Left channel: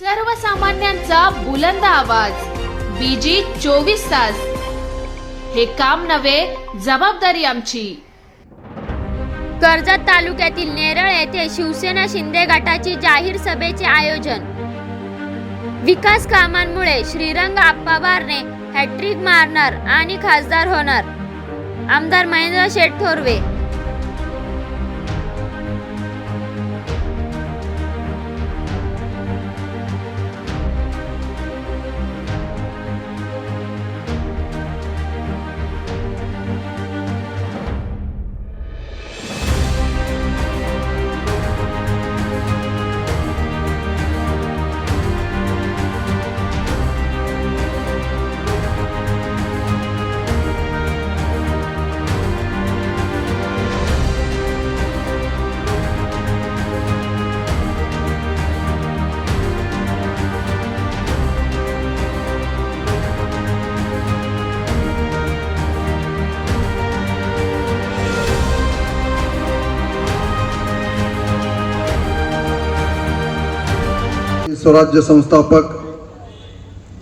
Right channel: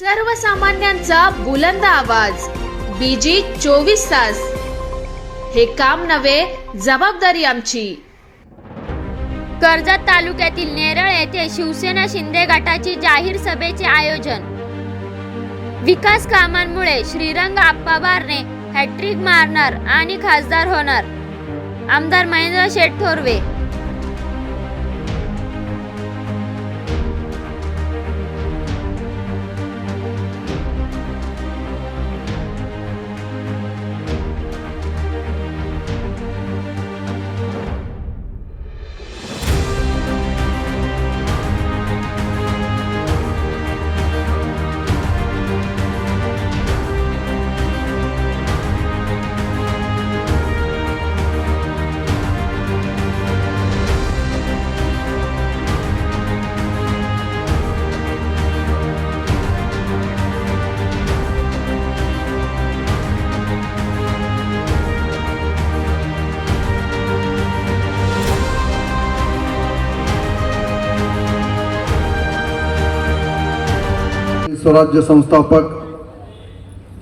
सर्वसामान्यांचा बुलंद आवाज. बीजी चोवीस तास. हे काम नव्हे जबाबदारी आमची. कर्जत तालुक्यातील नेरळ येथे शिवसेना शिंदे गटाची जाहीर सभेचे आयोजन. विकास कामांमुळे श्रीरंग आप्पा बारणे हॅट्रिक मारणार आणि खासदार होणार. आमदार महेंद्र शेठ थोरवे. स्वराज्य संस्थापक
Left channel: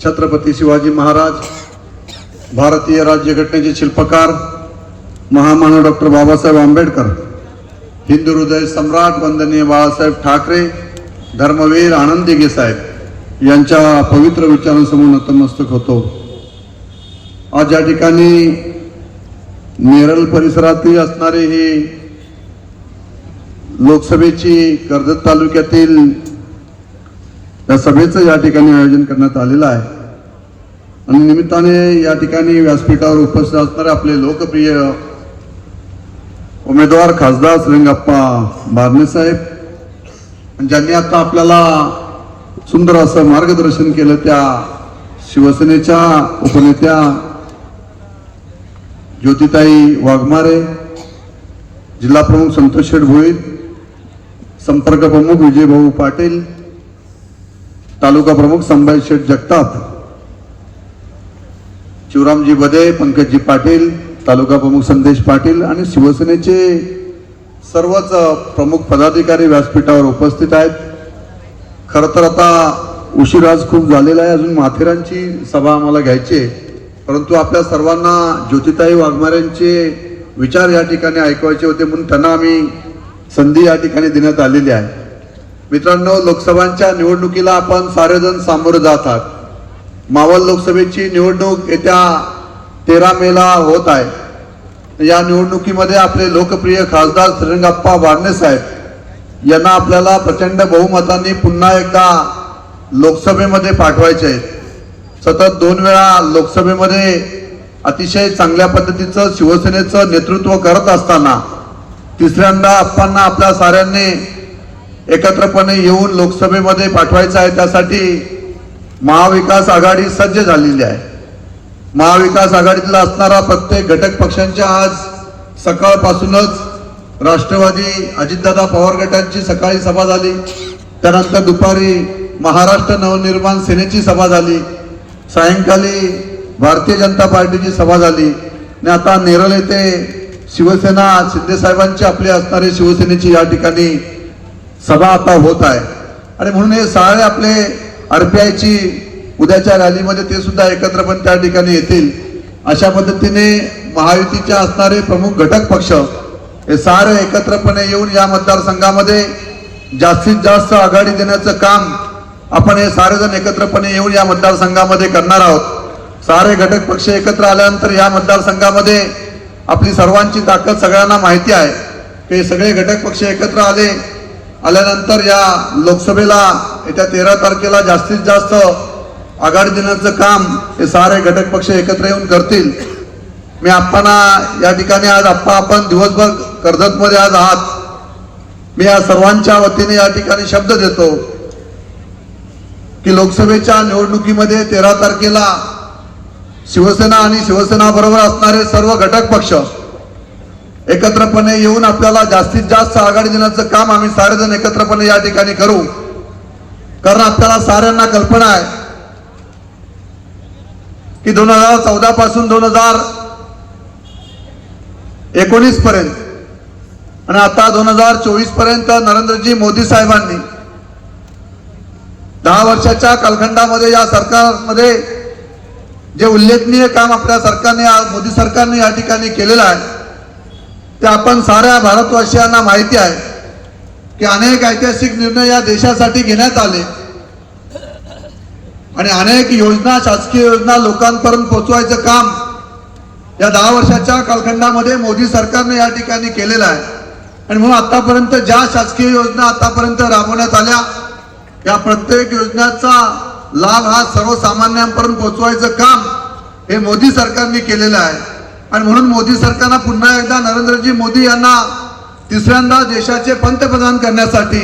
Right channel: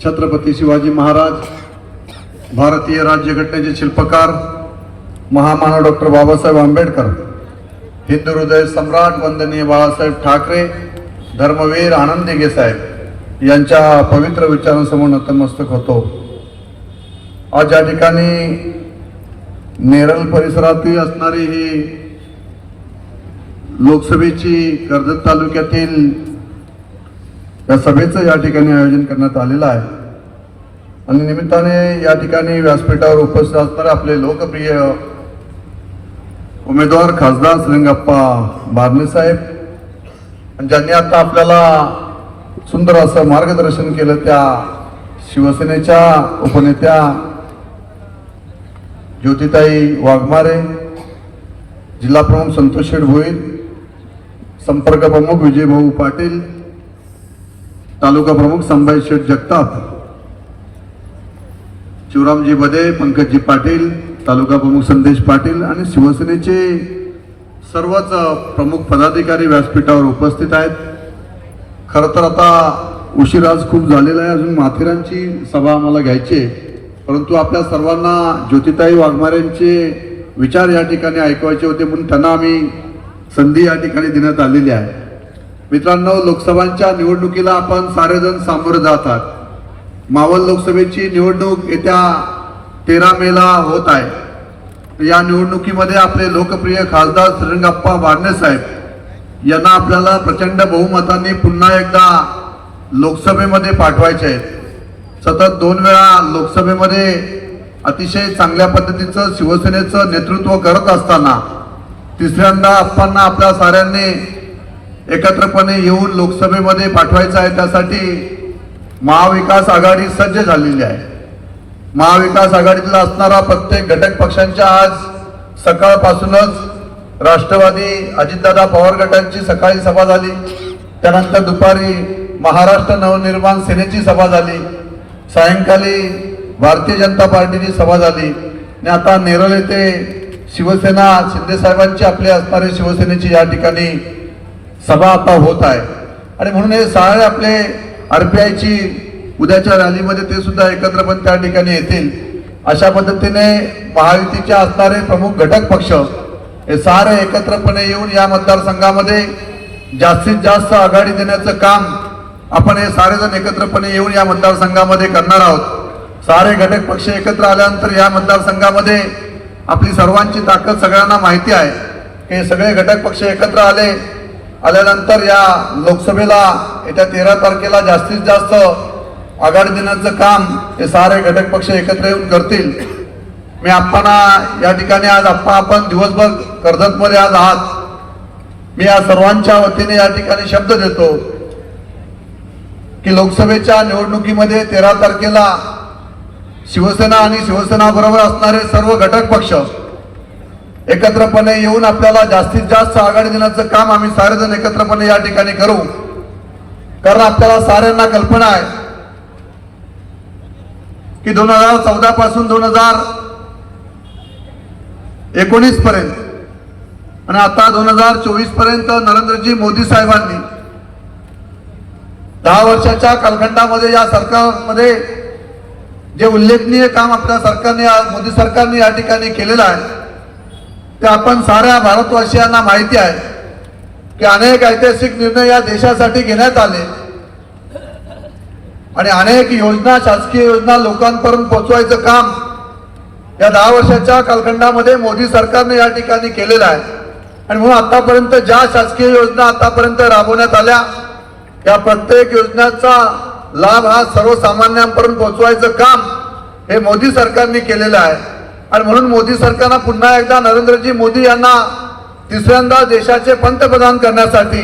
छत्रपती शिवाजी महाराज भारतीय राज्यघटनेचे शिल्पकार महामानव डॉक्टर बाबासाहेब आंबेडकर हिंदू हृदय सम्राट वंदनीय बाळासाहेब ठाकरे धर्मवीर आनंद दिघे साहेब यांच्या पवित्र विचारांसमोर नतमस्तक होतो. आज या ठिकाणी नेरळ परिसरातील असणारी ही लोकसभेची कर्जत तालुक्यातील या सभेचं या ठिकाणी आयोजन करण्यात आलेलं आहे. आणि निमित्ताने या ठिकाणी व्यासपीठावर उपस्थित असणारे आपले लोकप्रिय उमेदवार खासदार श्रीरंगप्पा बारणे साहेब आणि ज्यांनी आता आपल्याला सुंदर असं मार्गदर्शन केलं त्या शिवसेनेच्या उपनेत्या ज्योतिताई वाघमारे जिल्हा प्रमुख संतोष शेठ भोईर संपर्क प्रमुख विजयभाऊ पाटील तालुका प्रमुख संभाजी शेठ जगताप शिवरामजी बदे पंकजजी पाटील तालुका प्रमुख संदेश पाटील आणि शिवसेनेचे सर्वच प्रमुख पदाधिकारी व्यासपीठावर उपस्थित आहेत. खर तर आता उशीर आज खूप झालेला आहे. अजून माथेरांची सभा आम्हाला घ्यायची परंतु आपल्या सर्वांना ज्योतिताई वाघमारेंचे विचार या ठिकाणी ऐकवायचे होते म्हणून त्यांना आम्ही संधी या ठिकाणी देण्यात आलेली आहे. मित्रांनो लोकसभांच्या निवडणुकीला आपण सारेजण सामोरे जात आहात. मावळ लोकसभेची निवडणूक येत्या तेरा मेला होत आहे. या निवडणुकीमध्ये आपले लोकप्रिय खासदार श्रीरंगाप्पा बारणे साहेब यांना आपल्याला प्रचंड बहुमतांनी पुन्हा एकदा लोकसभेमध्ये पाठवायचे आहेत. सतत दोन वेळा लोकसभेमध्ये अतिशय चांगल्या पद्धतीचं शिवसेनेचं नेतृत्व करत असताना तिसऱ्यांदा असताना आपल्या साऱ्यांनी एकत्रपणे येऊन लोकसभेमध्ये पाठवायचं आहे त्यासाठी महाविकास आघाडी सज्ज झालेली आहे. महाविकास आघाडीतला असणारा प्रत्येक घटक पक्षांच्या आज सकाळपासूनच राष्ट्रवादी अजितदादा पवार गटांची सकाळी सभा झाली. त्यानंतर दुपारी महाराष्ट्र नवनिर्माण सेनेची सभा झाली. सायंकाळी भारतीय जनता पार्टीची सभा झाली. आणि आता नेरळ येथे शिवसेना शिंदेसाहेबांची आपली असणारे शिवसेनेची या ठिकाणी सभा आता होत आहे. आणि म्हणून हे सगळे आपले आरपीआयची उद्याच्या रॅलीमध्ये ते सुद्धा एकत्रपणे त्या ठिकाणी येतील. अशा पद्धतीने महायुतीचे असणारे प्रमुख घटक पक्ष हे सारे एकत्रपणे येऊन या मतदारसंघामध्ये जास्तीत जास्त आघाडी देण्याचं काम आपण हे सारेजण एकत्रपणे येऊन या मतदारसंघामध्ये करणार आहोत. सारे घटक पक्ष एकत्र आल्यानंतर या मतदारसंघामध्ये आपली सर्वांची ताकद सगळ्यांना माहिती आहे की सगळे घटक पक्ष एकत्र आले आल्यानंतर या लोकसभेला येत्या तेरा तारखेला जास्तीत जास्त आघाडी देण्याचं काम हे सारे घटक पक्ष एकत्र येऊन करतील. मी आपणा या ठिकाणी आज आप्पा आपण दिवसभर कर्जतमध्ये आज आहात. मी या सर्वांच्या वतीने या ठिकाणी शब्द देतो की लोकसभेच्या निवडणुकीमध्ये तेरा तारखेला शिवसेना आणि शिवसेना बरोबर असणारे सर्व घटक पक्ष एकत्रपणे येऊन आपल्याला जास्तीत जास्त आघाडी देण्याचं काम आम्ही सारेजण एकत्रपणे या ठिकाणी करू. कारण आपल्याला साऱ्यांना कल्पना आहे की दोन हजार चौदा पासून दोन हजार एकोणीस पर्यंत आणि आता दोन हजार चोवीसपर्यंत नरेंद्रजी मोदी साहेबांनी दहा वर्षाच्या कालखंडामध्ये या सरकारमध्ये जे उल्लेखनीय काम आपल्या सरकारने आज मोदी सरकारने या ठिकाणी केलेलं आहे ते आपण साऱ्या भारतवासियांना माहिती आहे की अनेक ऐतिहासिक निर्णय या देशासाठी घेण्यात आले. आणि अनेक योजना शासकीय योजना लोकांपर्यंत पोहोचवायचं काम या दहा वर्षाच्या कालखंडामध्ये मोदी सरकारने या ठिकाणी केलेलं आहे. आणि म्हणून आतापर्यंत ज्या शासकीय योजना आतापर्यंत राबवण्यात आल्या या प्रत्येक योजनाचा लाभ हा सर्वसामान्यांपर्यंत पोहोचवायचं काम हे मोदी सरकारने केलेलं आहे. आणि म्हणून मोदी सरकारनं पुन्हा एकदा नरेंद्रजी मोदी यांना तिसऱ्यांदा देशाचे पंतप्रधान करण्यासाठी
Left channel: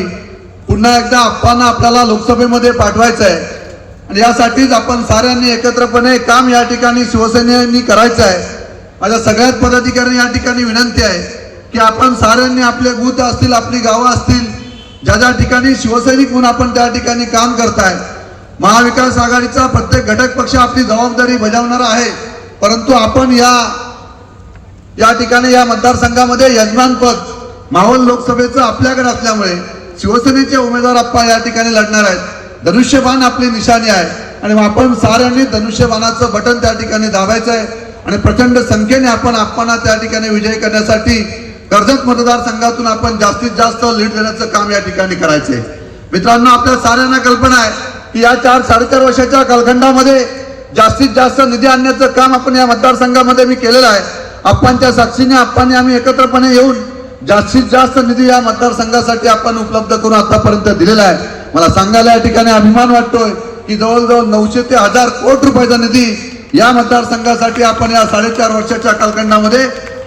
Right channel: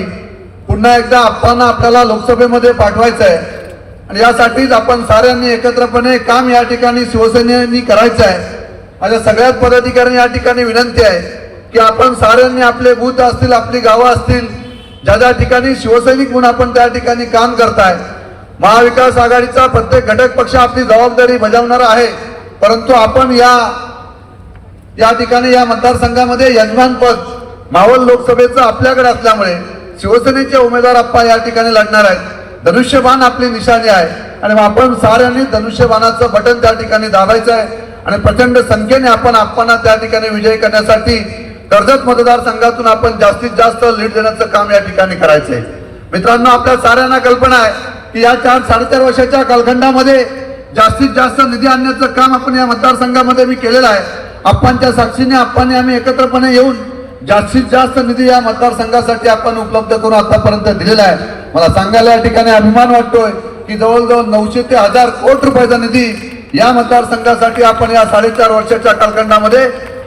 पुन्हा एकदा आप्पांना आपल्याला लोकसभेमध्ये पाठवायचं आहे. आणि यासाठीच आपण साऱ्यांनी एकत्रपणे काम या ठिकाणी शिवसेनेनी करायचं आहे. माझ्या सगळ्याच पदाधिकाऱ्यांनी या ठिकाणी विनंती आहे की आपण साऱ्यांनी आपले बूथ असतील आपली गावं असतील ज्या ज्या ठिकाणी शिवसैनिक म्हणून आपण त्या ठिकाणी काम करताय. महाविकास आघाडीचा प्रत्येक घटक पक्ष आपली जबाबदारी बजावणार आहे. परंतु आपण या या ठिकाणी या मतदारसंघामध्ये यजमानपद मावळ लोकसभेचं आपल्याकडे असल्यामुळे शिवसेनेचे उमेदवार आप्पा या ठिकाणी लढणार आहेत. धनुष्यबाण आपली निशाणी आहे. आणि आपण साऱ्यांनी धनुष्यबाणाचं बटन त्या ठिकाणी दाबायचं आहे आणि प्रचंड संख्येने आपण आप्पांना त्या ठिकाणी विजय करण्यासाठी कर्जत मतदारसंघातून आपण जास्तीत जास्त लीड देण्याचं काम या ठिकाणी करायचंय. मित्रांनो आपल्या साऱ्यांना कल्पना आहे की या चार साडेचार वर्षाच्या कालखंडामध्ये जास्तीत जास्त निधी आणण्याचं काम आपण या मतदारसंघामध्ये मी केलेलं आहे. आपणच्या साक्षीने आपण आम्ही एकत्रपणे येऊन जास्तीत जास्त निधी या मतदारसंघासाठी आपण उपलब्ध करून आतापर्यंत दिलेला आहे. मला सांगायला या ठिकाणी अभिमान वाटतोय की जवळजवळ नऊशे ते हजार कोटी रुपयाचा निधी या मतदारसंघासाठी आपण या साडेचार वर्षाच्या कालखंडामध्ये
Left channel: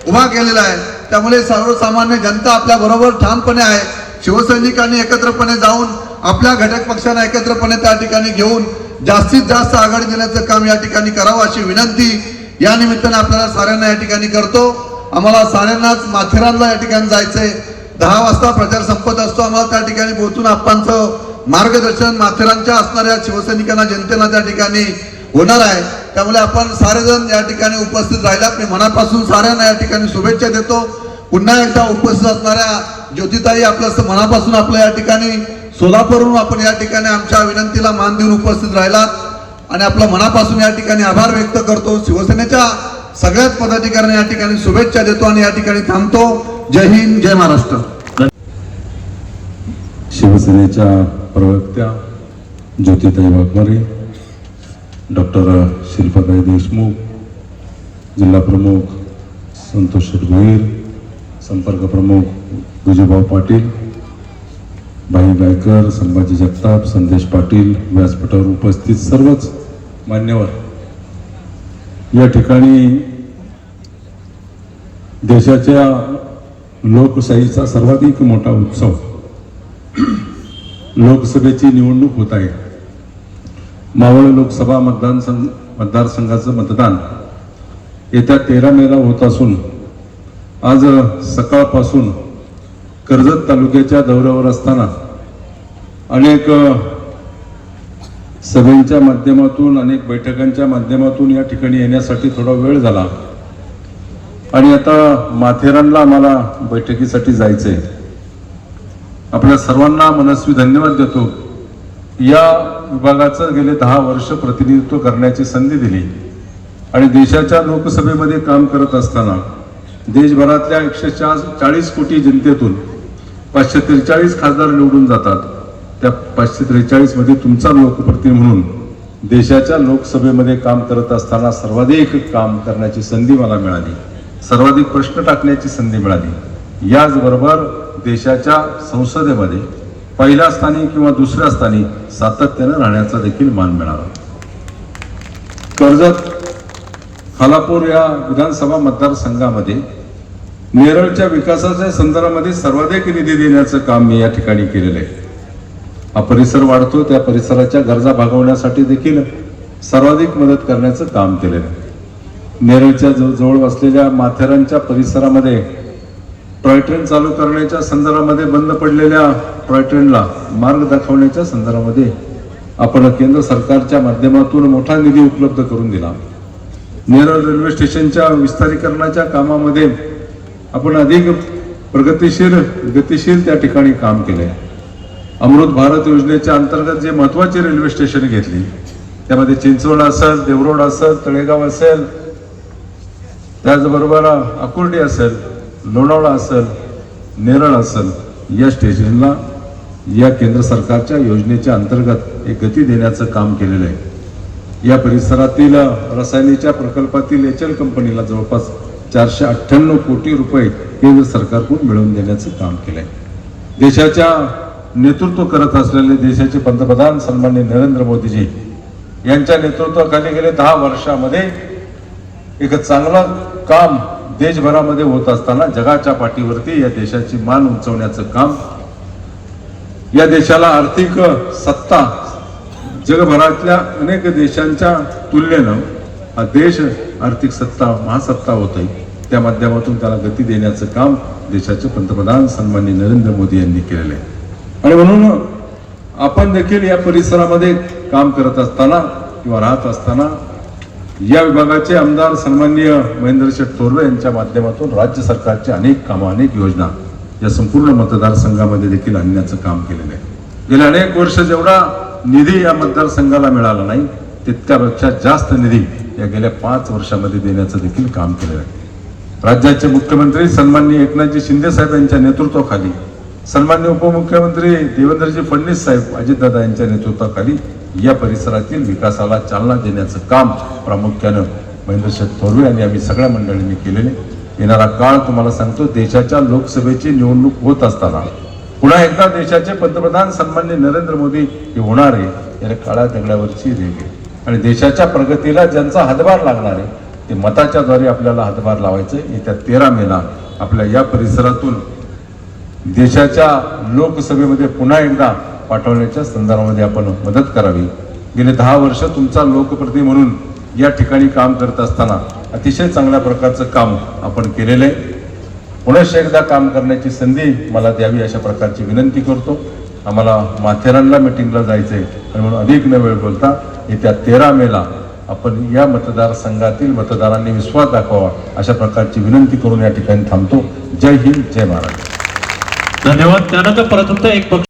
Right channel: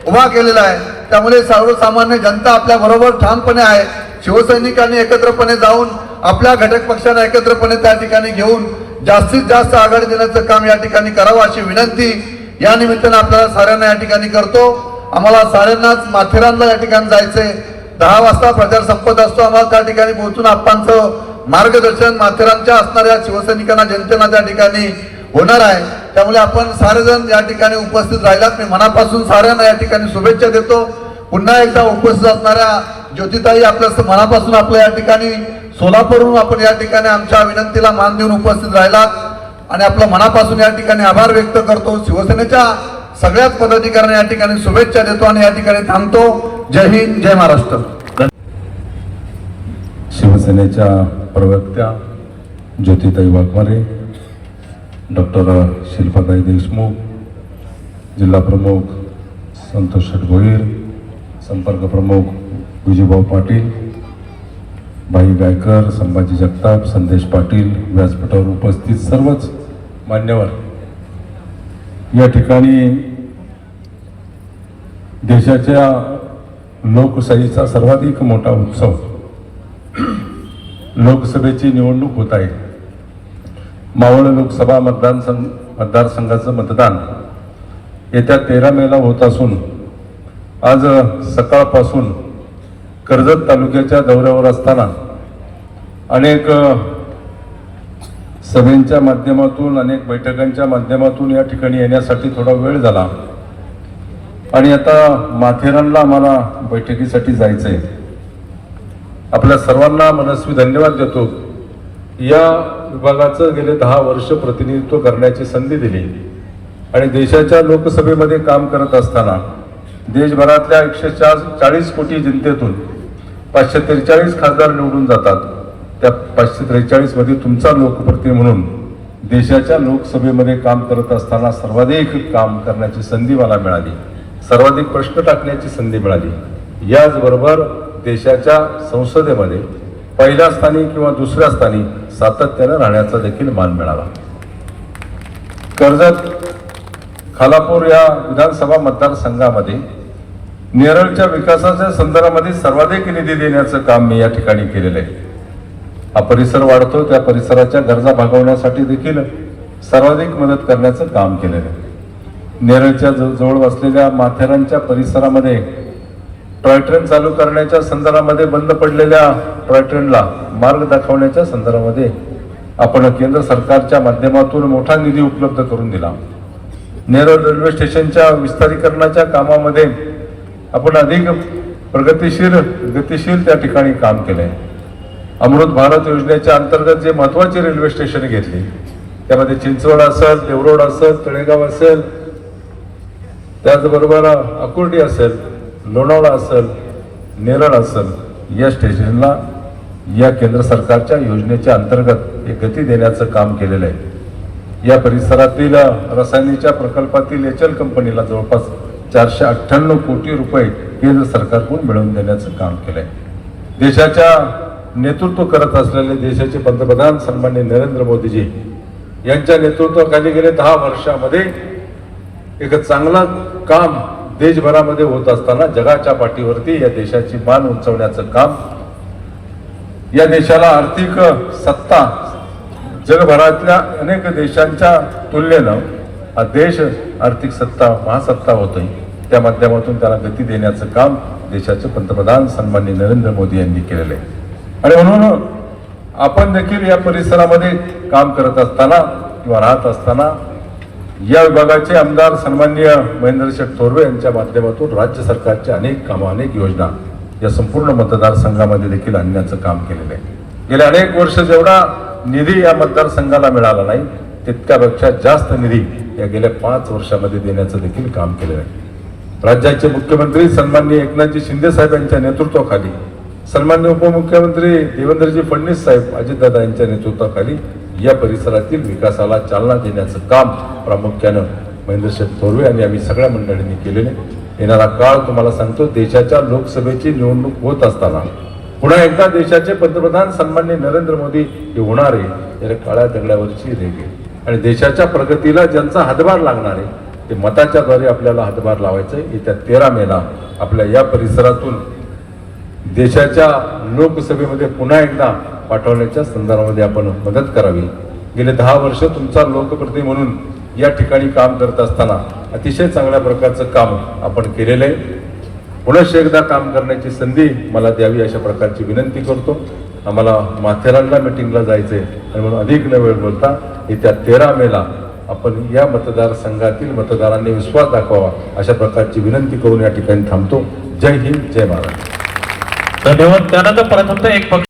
उभा केलेला आहे. त्यामुळे सर्वसामान्य जनता आपल्या बरोबर ठामपणे आहे. शिवसैनिकांनी एकत्रपणे जाऊन आपल्या घटक पक्षांना एकत्रपणे त्या ठिकाणी घेऊन जास्तीत जास्त आघाडी देण्याचं काम या ठिकाणी करावं अशी विनंती या निमित्तानं आपल्याला साऱ्यांना या ठिकाणी करतो. आम्हाला साऱ्यांनाच माथेरानला या ठिकाणी जायचंय. दहा वाजता प्रचार संपत असतो. आम्हाला त्या ठिकाणी पोहोचून आप्पांचं मार्गदर्शन माथेरानच्या असणाऱ्या शिवसैनिकांना जनतेला त्या ठिकाणी होणार आहे. त्यामुळे आपण सारेजण या ठिकाणी उपस्थित राहिलात. मी मनापासून साऱ्यांना या ठिकाणी शुभेच्छा देतो. पुन्हा एकदा उपस्थित असणाऱ्या ज्योतिताई आपल्या मनापासून आपल्या या ठिकाणी सोलापूरहून आपण या ठिकाणी आमच्या विनंतीला मान देऊन उपस्थित राहिलात. आणि आपल्या मनापासून या ठिकाणी आभार व्यक्त करतो. शिवसेनेच्या सगळ्याच पदाधिकाऱ्यांना या ठिकाणी शुभेच्छा देतो आणि या ठिकाणी थांबतो. जय हिंद जय महाराष्ट्र. शिवसेनेच्या प्रवक्त्या ज्योतिताई वाघमारे डॉक्टर शिल्पाताई देशमुख जिल्हा प्रमुख संतोष भोईर संपर्क प्रमुख विजयभाऊ पाटील भाई गायकर संभाजी जगताप संदेश पाटील व्यासपीठावर उपस्थित सर्वच मान्यवर. या ठिकाणी देशाच्या लोकशाहीचा सर्वाधिक मोठा उत्सव लोकसभेची निवडणूक होत आहे. मावळ लोकसभा मतदान संघ मतदारसंघाचं मतदान येत्या तेरा मेला होत असून आज सकाळपासून कर्जत तालुक्याच्या दौऱ्यावर असताना अनेक सभेंच्या माध्यमातून अनेक बैठकांच्या माध्यमातून या ठिकाणी येण्यासाठी थोडा वेळ झाला. आणि आता माथेरानला आम्हाला बैठकीसाठी जायचंय. आपल्या सर्वांना मनस्वी धन्यवाद देतो. या विभागाचं गेले दहा वर्ष प्रतिनिधित्व करण्याची संधी दिली. आणि देशाच्या लोकसभेमध्ये काम करत असताना देशभरातल्या एकशे चाळीस कोटी जनतेतून पाचशे त्रेचाळीस खासदार निवडून जातात. त्या पाचशे त्रेचाळीसमध्ये तुमचा लोकप्रतिनिधी म्हणून देशाच्या लोकसभेमध्ये काम करत असताना सर्वाधिक काम करण्याची संधी मला मिळाली. सर्वाधिक प्रश्न टाकण्याची संधी मिळाली. याचबरोबर देशाच्या संसदेमध्ये पहिल्या स्थानी किंवा दुसऱ्या स्थानी सातत्यानं राहण्याचा देखील मान मिळाला. कर्जत खालापूर या विधानसभा मतदारसंघामध्ये नेरळच्या विकासाच्या संदर्भामध्ये सर्वाधिक निधी देण्याचं काम मी या ठिकाणी केलेलं आहे. हा परिसर वाढतो त्या परिसराच्या गरजा भागवण्यासाठी देखील सर्वाधिक मदत करण्याचं काम केलेलं आहे. नेरळच्या जवळ वसलेल्या माथेरानच्या परिसरामध्ये टॉय ट्रेन चालू करण्याच्या संदर्भामध्ये बंद पडलेल्या टॉय ट्रेनला मार्ग दाखवण्याच्या संदर्भामध्ये आपण केंद्र सरकारच्या माध्यमातून मोठा निधी उपलब्ध करून दिला. नेरळ रेल्वे स्टेशनच्या विस्तारीकरणाच्या कामामध्ये आपण अधिक प्रगतीशील गतिशील त्या ठिकाणी काम केलंय. अमृत भारत योजनेच्या अंतर्गत जे महत्त्वाचे रेल्वे स्टेशन घेतली त्यामध्ये चिंचवड असेल देवरोड असेल तळेगाव असेल त्याचबरोबर अकुर्डी असेल लोणावळा असेल नेरळ असेल या स्टेशनला या केंद्र सरकारच्या योजनेच्या अंतर्गत एक गती देण्याचं काम केलेलं आहे. या परिसरातील रसायनीच्या प्रकल्पातील एच एल कंपनीला जवळपास चारशे अठ्ठ्याण्णव कोटी रुपये केंद्र सरकारकडून मिळवून देण्याचं काम केलंय. देशाच्या नेतृत्व करत असलेले देशाचे पंतप्रधान सन्मान्य नरेंद्र मोदीजी यांच्या नेतृत्वाखाली गेले दहा वर्षामध्ये एक चांगलं काम देशभरामध्ये होत असताना जगाच्या पाठीवरती या देशाची मान उंचवण्याचं काम या देशाला आर्थिक सत्ता जगभरातल्या अनेक देशांच्या तुलनेनं हा देश आर्थिक सत्ता महासत्ता होतोय. त्या माध्यमातून त्याला गती देण्याचं काम देशाचे पंतप्रधान सन्मान्य नरेंद्र मोदी यांनी केलेलं आहे. आणि म्हणून आपण देखील या परिसरामध्ये काम करत असताना किंवा राहत असताना या विभागाचे आमदार सन्माननीय महेंद्र शेठ थोरवे यांच्या माध्यमातून राज्य सरकारच्या अनेक कामं अनेक योजना या संपूर्ण मतदारसंघामध्ये देखील आणण्याचं काम केलेलं आहे. गेल्या अनेक वर्ष जेवढा निधी या मतदारसंघाला मिळाला नाही तितक्यापेक्षा जास्त निधी या गेल्या पाच वर्षामध्ये देण्याचं देखील काम केलेलं आहे. राज्याचे मुख्यमंत्री सन्माननीय एकनाथजी शिंदे साहेब यांच्या नेतृत्वाखाली सन्मान्य उपमुख्यमंत्री देवेंद्रजी फडणवीस साहेब अजितदादा यांच्या नेतृत्वाखाली या परिसरातील विकासाला चालना देण्याचं काम प्रामुख्यानं महेंद्र थोरवे आणि आम्ही सगळ्या मंडळींनी केलेले येणारा काळ तुम्हाला सांगतो देशाच्या लोकसभेची निवडणूक होत असताना. पुन्हा एकदा देशाचे पंतप्रधान सन्मान्य नरेंद्र मोदी हे होणार आहे या काळ्या दगडावरची रेगे आणि देशाच्या प्रगतीला ज्यांचा हातभार लागणार आहे ते मताच्या द्वारे आपल्याला हातभार लावायचं. येत्या तेरा मेला आपल्या या परिसरातून देशाच्या लोकसभेमध्ये पुन्हा एकदा पाठवण्याच्या संदर्भामध्ये आपण मदत करावी. गेले दहा वर्ष तुमचा लोकप्रतिनिधी म्हणून या ठिकाणी काम करत असताना अतिशय चांगल्या प्रकारचं काम आपण केलेलं आहे. पुनश्च एकदा काम करण्याची संधी मला द्यावी अशा प्रकारची विनंती करतो. आम्हाला माथेरानला मिटिंगला जायचंय आणि म्हणून अधिक न वेळ बोलता येत्या तेरा मेला आपण या मतदारसंघातील मतदारांनी विश्वास दाखवावा अशा प्रकारची विनंती करून या ठिकाणी थांबतो. जय हिंद जय महाराज धन्यवाद. त्यानंतर प्रथमतः एक